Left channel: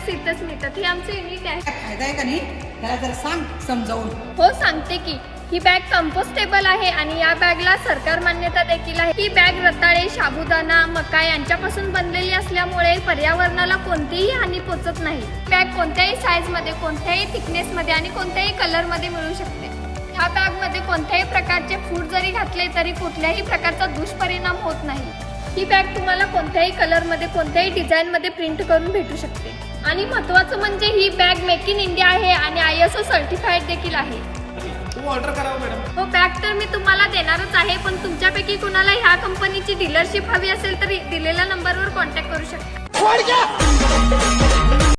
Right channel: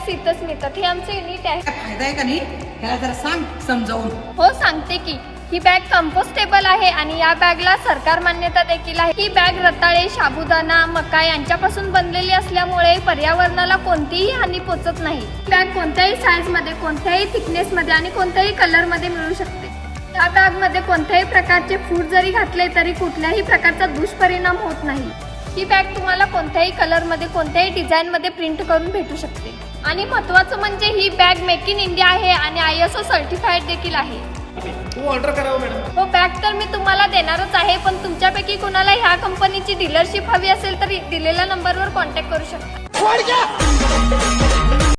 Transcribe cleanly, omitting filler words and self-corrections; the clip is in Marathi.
बॅग्स इथंच मिळतात. हे आमचे युनिट आहे. फायदा आहे का नाही ह्याला जरा सांग समजावून. हो सांगते की. ही बॅग कंपोस्टेबल आहे आणि या बॅगला सरकार मान्यता देखील आहे. ही बॅग रताळे, साबुदाणा, मका यांच्यापासून बनलेली असल्यामुळे पर्यावरणाला कोणतीही हानी पोहोचत नाही. बॅग कोणत्याही साईज मध्ये, कोणत्याही थिकनेस मध्ये आणि कोणत्याही कलर मध्ये मिळू शकते. या बॅग मध्ये कोणत्याही प्रकारचे फूड जरी घातले तरी कुठल्याही प्रकारचा दुष्परिणाम होत नाही. ही बॅग तुम्हाला कोणत्याही कलर मध्ये, कोणत्याही डिझाईन मध्ये प्रिंट करून भेटू शकते. आणि महत्त्वाचं म्हणजे ही बॅग मेक इन इंडिया आहे आणि ISO सर्टिफाईड देखील आहे. ऑर्डर करावं मॅडम. हो बॅग तर मी तुम्हाला देणारच आहे, पण तुमच्यापैकी कुणाला ह्या कंपनीची डीलरशिप हवी असेल तर दिलेल्या नंबरवर कॉन्टॅक्ट करू शकता.